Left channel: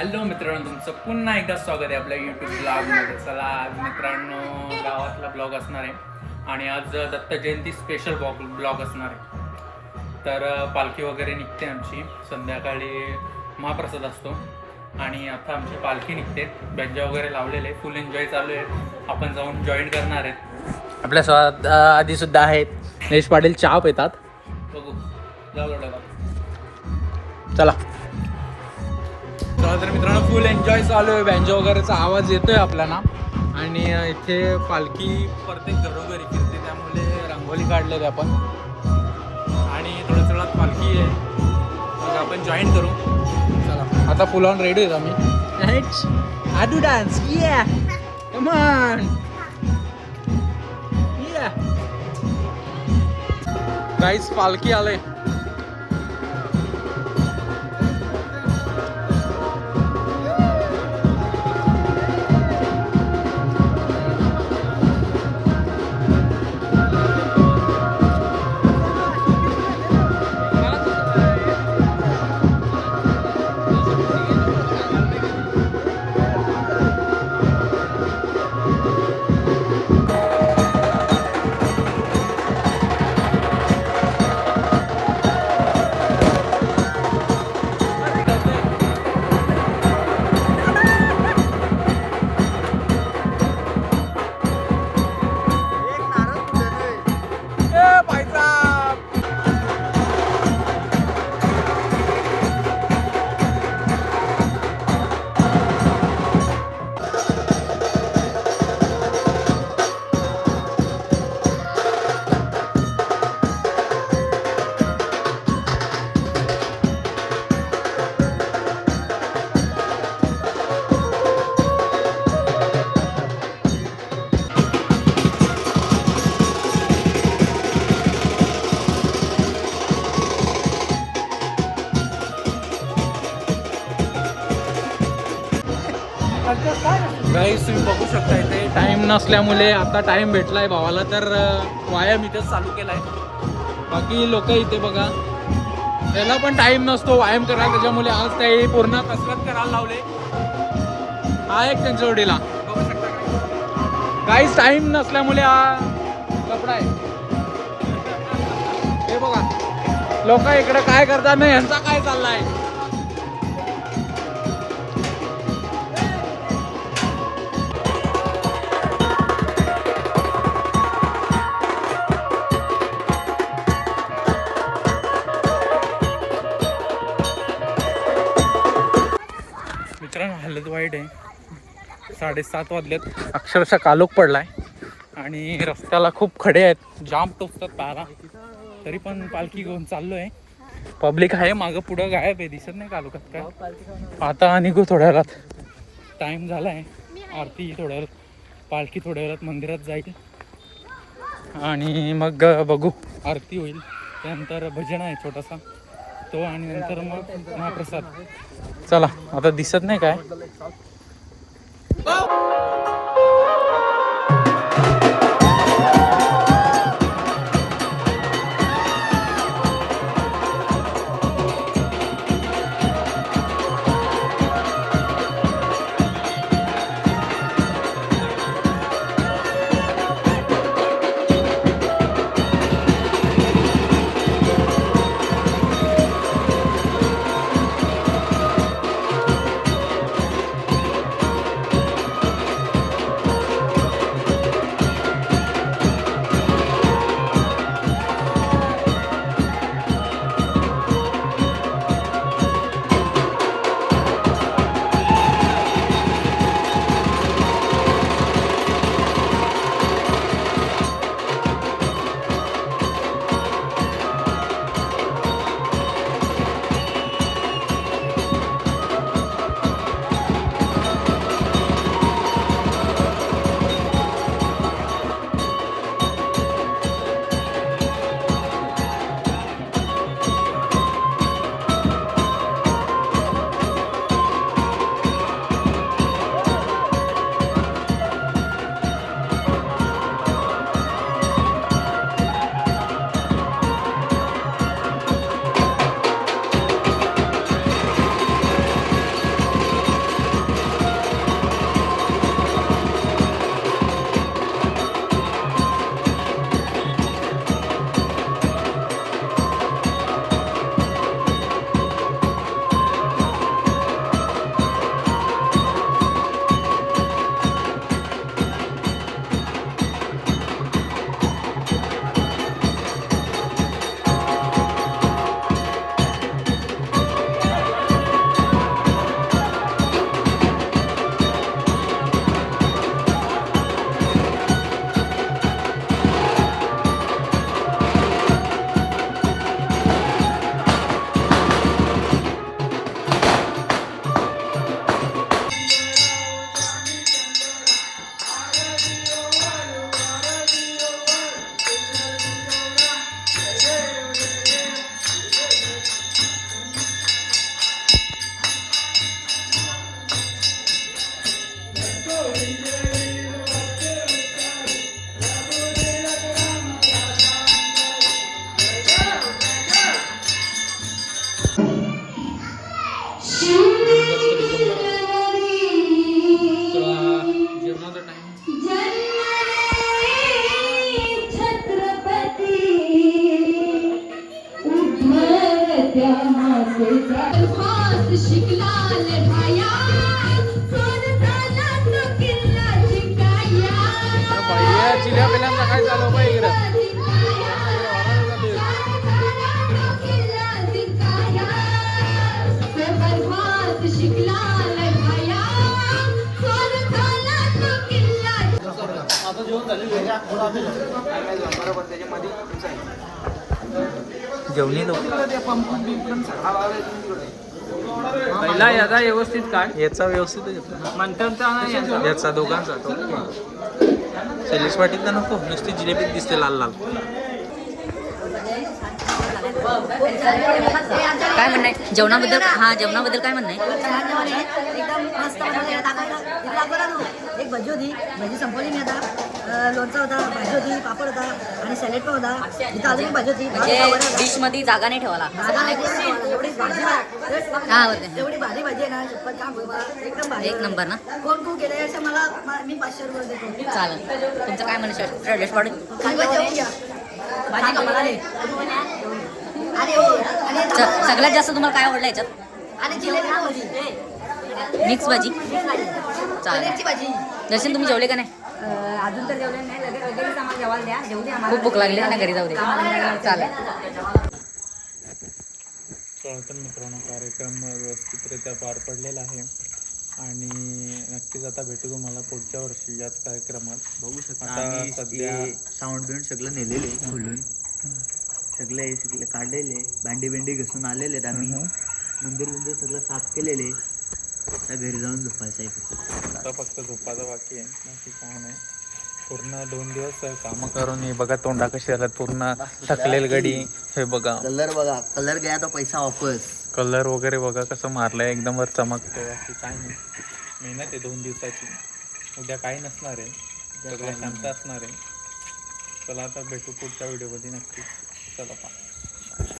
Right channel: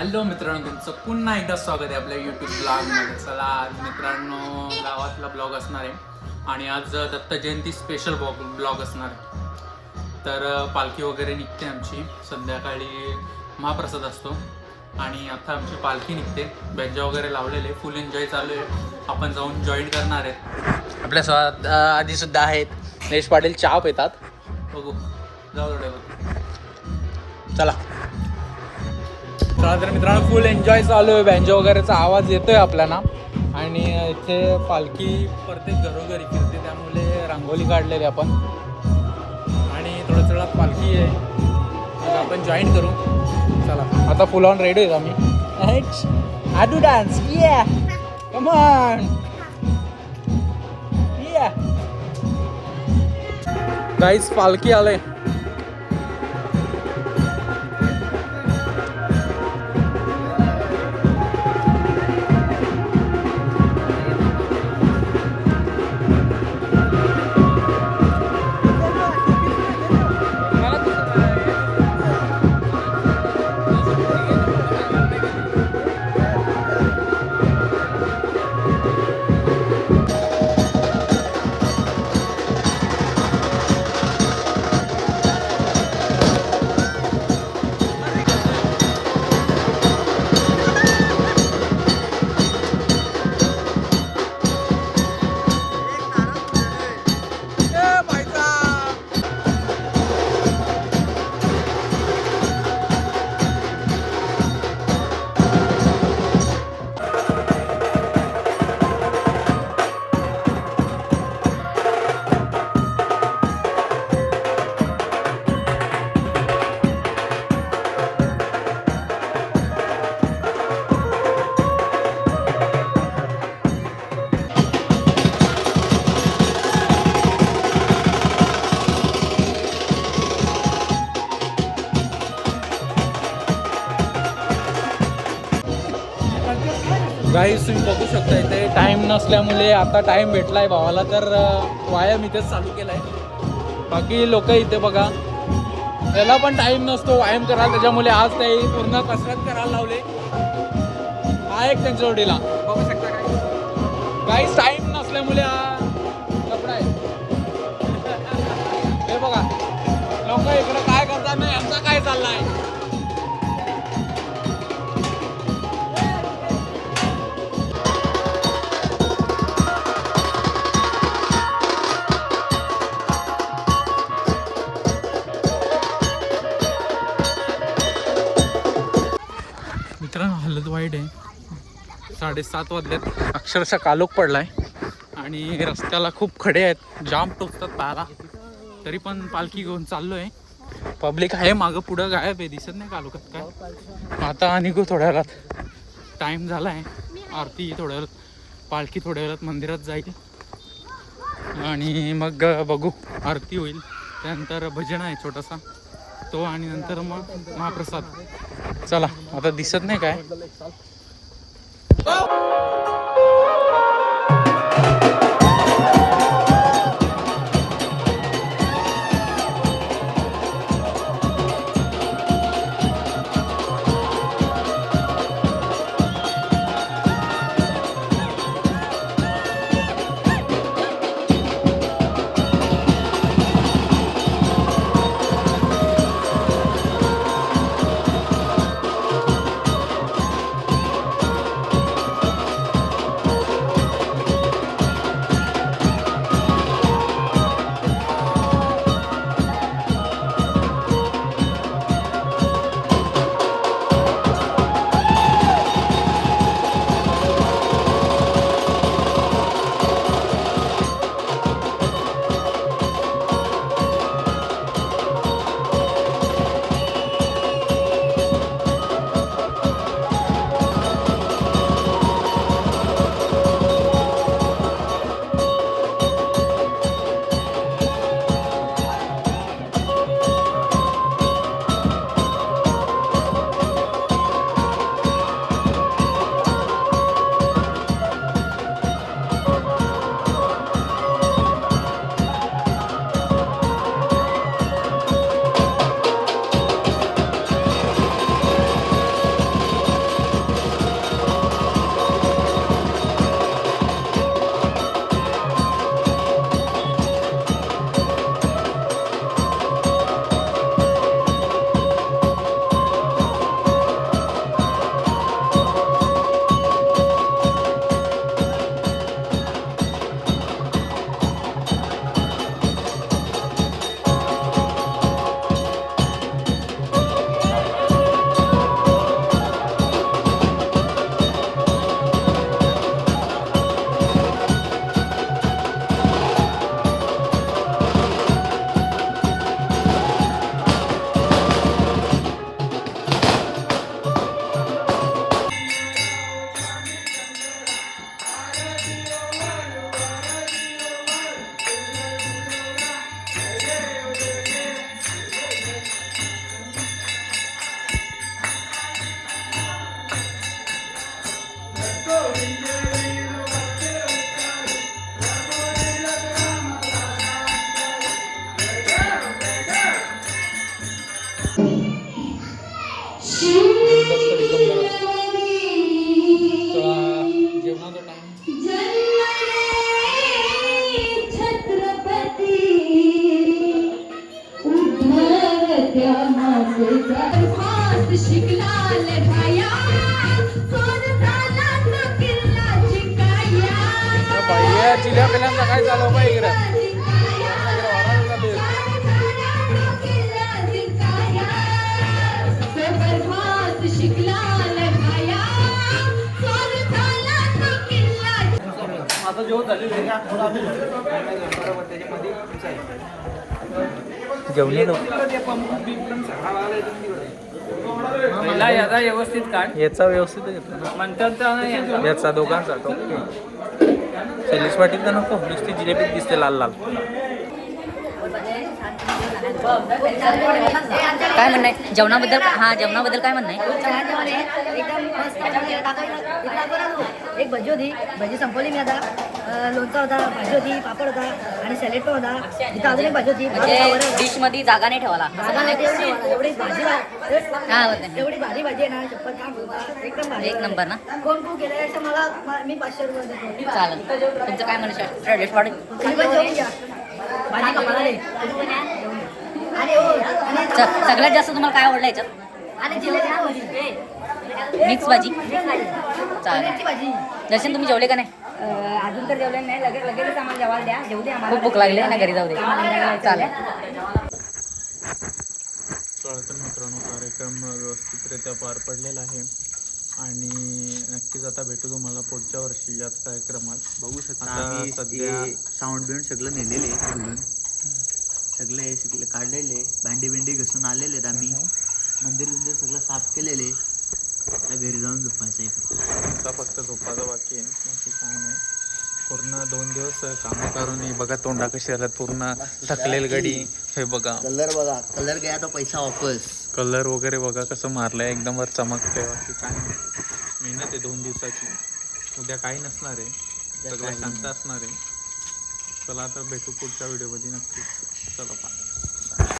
Hello मित्रांनो, तुमचं पुन्हा एकदा स्वागत आहे आपल्या यूट्यूब ब्लॉगमध्ये. चला, आज मित्रांनो गावातला ब्लॉग असणार आहे आणि आज दत्त जयंती स्पेशल ब्लॉग असणार आहे. तर पालखी वगैरे निघते आमची, संध्याकाळी महाप्रसाद असतो आणि आता आमची पालखी निघते. बॅजा वगैरे लावलेले, फुल एन्जॉय चालू आहे. आपण जाऊन जॉईन करणार आहेत. आपल्या स्वाद आधीसुद्धा आहेत नेश पाटील, चहा पितात. बघू, जाऊ चला. तर मित्रांनो, फुल एन्जॉय चालू आहे. बँजो वगैरेचा आवाज येतोय आपल्याला आणि इथे पालखी प्रत्येक घरोघरी फिरते, त्यामुळे रांगोळी काढलेली आपण आणि थोड्या थोड्यात पालखी आहे. मग आपण जॉईन करू. चला, आता फुल ऑन रेडी आहे आम्ही. आडू डान्स, या कम ऑन, या गाईस, पालखी आले. गाईस, तुम्ही बघू शकता इथे टाइम नसल्यामुळे आता टाइम भेटलाय भावाला, तर व्यायाम इथेच चालू केलाय. बाकी लोक इथे बघा, त्याला पण टाइम नसतो व्यायाम करायला, त्याच्यामुळे आज काही पूर्ण कसरत करायला लावले. हा एक त्यांच्या जोडीला बघू शकता. गाईस, टाइम नसल्यामुळे हा कपडा आहे. हे बघा, लोक इकडे काय करतात ना, यांचा काय चाललाय. मित्रांनो, हालत वाईट आहे. 7:30 वाजलेत, अक्षरशः कालोख पडलाय आणि रस्त्याला खूप खडे आहेत, जाम टोचतात पायाला. तरी पण पालखी घेऊन चाललो आहे. पब्लिक आहे मागं पुढं, गायब आहे, दिसत नाही कालोखात काय. आता निघू थोड्या वेळात, टाईम झाला आहे. आरती थोड्या वेळात, पालखी थोड्या वेळात मंदिरात जाईल आणि मग बघू, आरती होईल. त्यानंतर भजन आहे छोटासा तो, आणि नंतर मग महाप्रसाद. चला, आता दिसत नाही काय. भैया चिल्या पिल्यांचा काय चालू आहे इकडं घेऊन येलो याचा व्यवस्थित काय याचा व्यवस्थित घेतला ना याचा दोघांचा सैलिश पाटील तर नको नुसती जिलेबी दिसते लाल लाल काय म्हणणं आहे जेवणाबद्दल जेवणाबद्दल काय म्हणणं आहे एक भजी होती भजी संपवली मी आता लोणचा होता भाजी होती पापड होता आणि सॅलेड पण होता इथं अजून एक भाजी होती म्हणजे डिश मध्ये जागा नाही ठेवाला जागा नाही ठेवली एवढी भाजी काय होत नाही एवढी भारी भाजी आहे ना शपथ काम एकदम भारी एक नंबर ना कोण कोण गेले असं मला मी 500 रुपये देतो चालेल तुमचं काय म्हणणं सैलिश पाटील भाजी कपडा सगळ्यात जास्त तुम्हाला काय आवडलं याच्यात आणि जिलेबी मिक्स भाजी पनीरची चालेल भाजी दर्शन तुम्ही जेवले का नाही अजून तर जेवले नाही लगेच आम्हाला जेवायला द्या जेवू दे आम्हाला खूप भूक लागली ना घरी जाऊ दे चालेल तर मित्रांनो कार्यक्रम व्यवस्थितरित्या पार पडलेला आहे आणि नक्कीच आता भेटू तुम्हाला पुढच्या वर्षी याच कार्यक्रमात बघू शकता आता सध्या साऊंड बिंड सगळं नेलेले बोलून सगळे काढलेले भांडी बिंडी घसून आलेले आहेत आम्ही मंदिर बिंदिर सगळं साफ केलेले आता घरी जाऊन झोपायचं आहे फक्त आता फक्त झोपायचं बाकी आहे बाकी काय नाही पूर्ण 2 दिवस कामं करून हे बघा तोंडा कशी आल्यात पूर्ण थकलेल गडी हे बघा कलर बघा कलर गया तो पैसा वापस कलर वगैरे बघा कसं मारलंय एकदम वर चमकते बाकी काय नाही मेहनत आहे 2 दिवसाची उद्या काही नसणार आहे सगळं शांत असणार आहे चला आता भेटू पुढच्या व्हिडिओमध्ये नक्की चला पा